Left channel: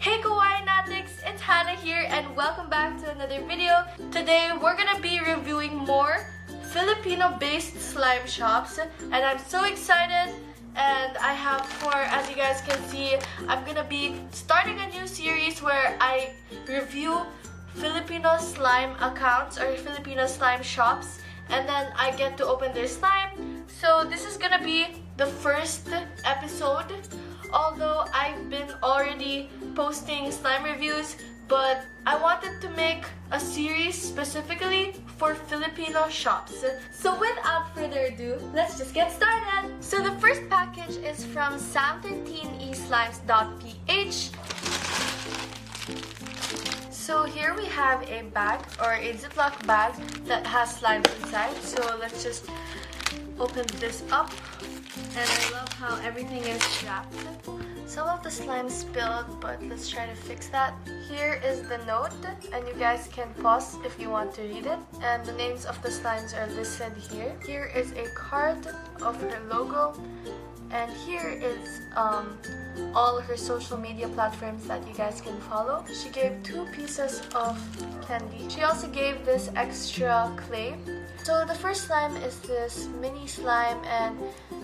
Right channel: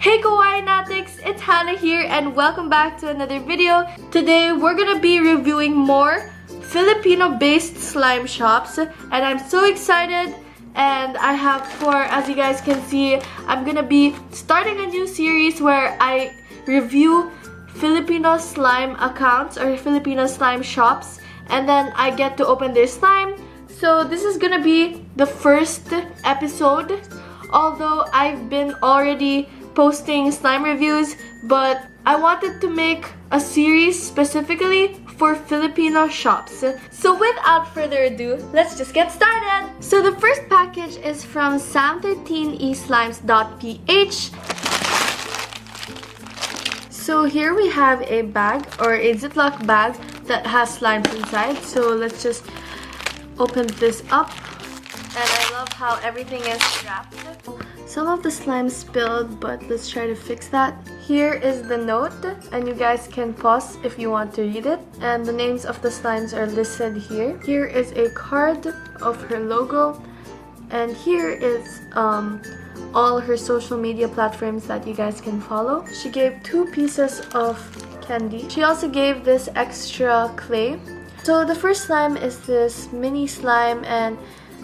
Hey Kawaiinatics, it's Hannah here and welcome back to another video. Today we're gonna be reviewing more Filipino-based slime shops and I'm so excited, and I have as you guys can see, I'm gonna be starting a new series where I review Filipino slime accounts or Filipino slime shops, and then I get to open their slime. So this is gonna be the first episode, although I've been already posting slime reviews, but I wanted to make a series specifically for Filipino shops. So without further ado, let's just get started. So the first package is from sam13eslimes.ph. So here we have a bag or a Ziploc bag that has slimes inside. So let's just open this up. And I love how everything is wrapped. Some of the slime spilled, but let's try to fix that. Here is the note, and you guys can pause if you want to read it. And the names of the slimes are listed here. Here is a card of her logo, and here is all her social media platforms that you guys can follow. She gave 2 pieces of candy. She also gave this extra clay. So the first slime is this mini slime, and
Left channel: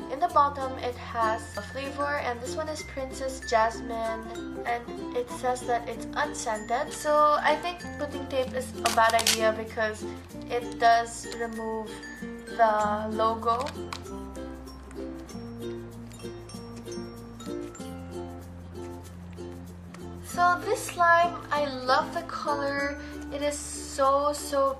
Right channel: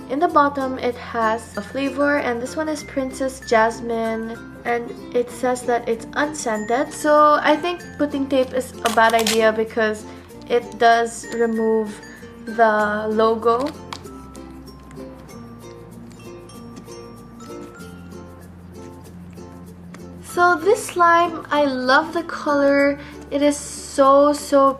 in the bottom it has a flavor, and this one is Princess Jasmine, and it says that it's unscented. So I think putting tape is a bad idea because it does remove the logo. So this slime, I love the color. It is so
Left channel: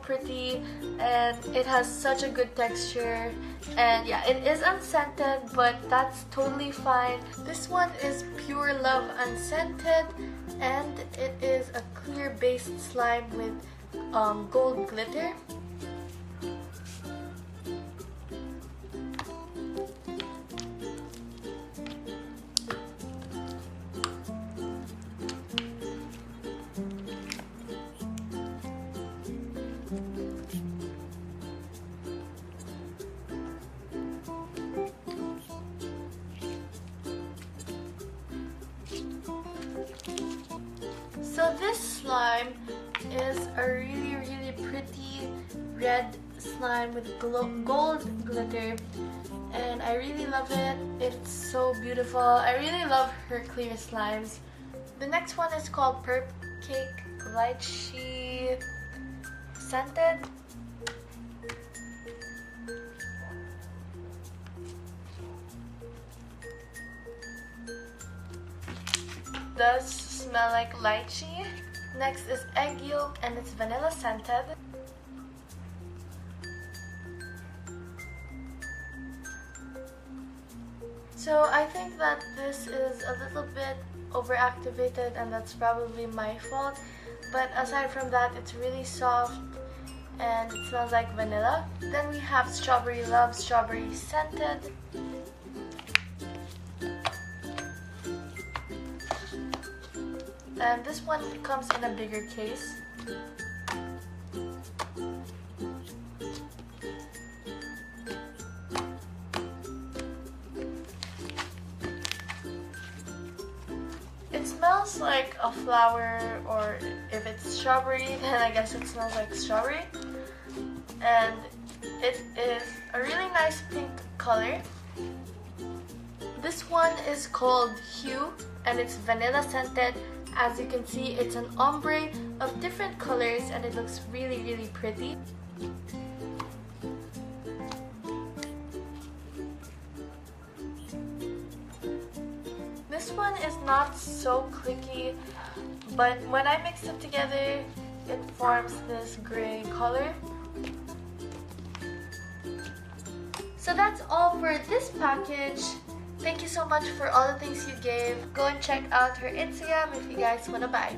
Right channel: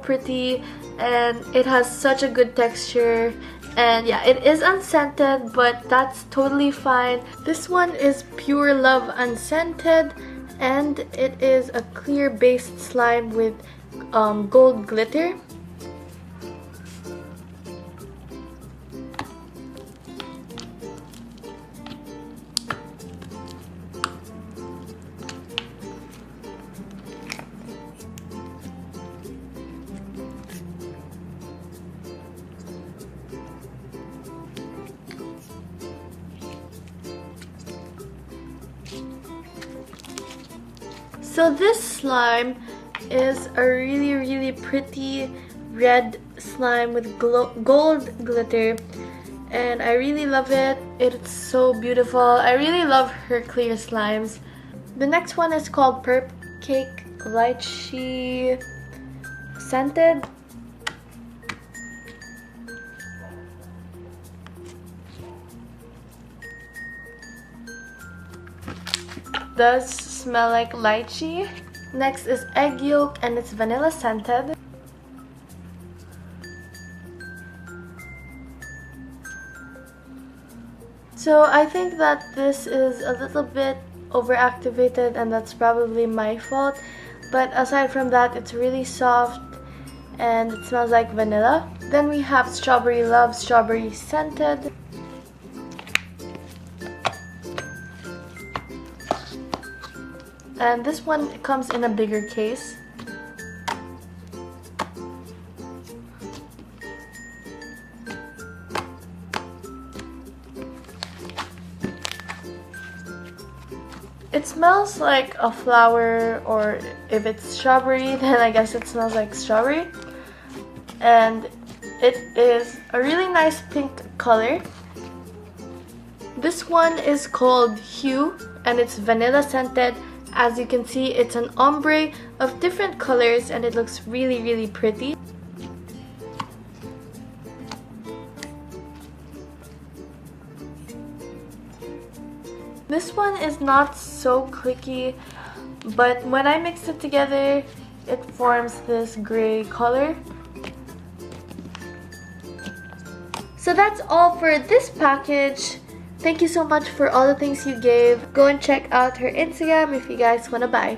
pretty and it has such a good texture. And yeah, it is unscented, but that's totally fine. This one is Pure Love Unscented, and it is a clear based slime with gold glitter. So this slime is a really pretty red slime with gold glitter, and I really love it. It's so beautiful. I really love her clear slimes. The next one is called Perp Cake Lychee Scented. Does smell like lychee. Next is egg yolk, and it's vanilla scented. So I think that this is a little bit overactivated, and that's probably my fault, but aside from that, it's really soft and it smells like vanilla. Then we have Strawberry Love Strawberry Scented. And this one comes in a bigger case. It smells like a flower, or if it's strawberry, then I guess it smells like strawberry. And it is a really nice pink color. This one is called Hue, and it's vanilla scented. As you can see, it's an ombre of different colors, and it looks really pretty. This one is not so clicky, but when I mix it together, it forms this gray color. So that's all for this package. Thank you so much for all the things you gave. Go and check out her Instagram if you guys want to buy.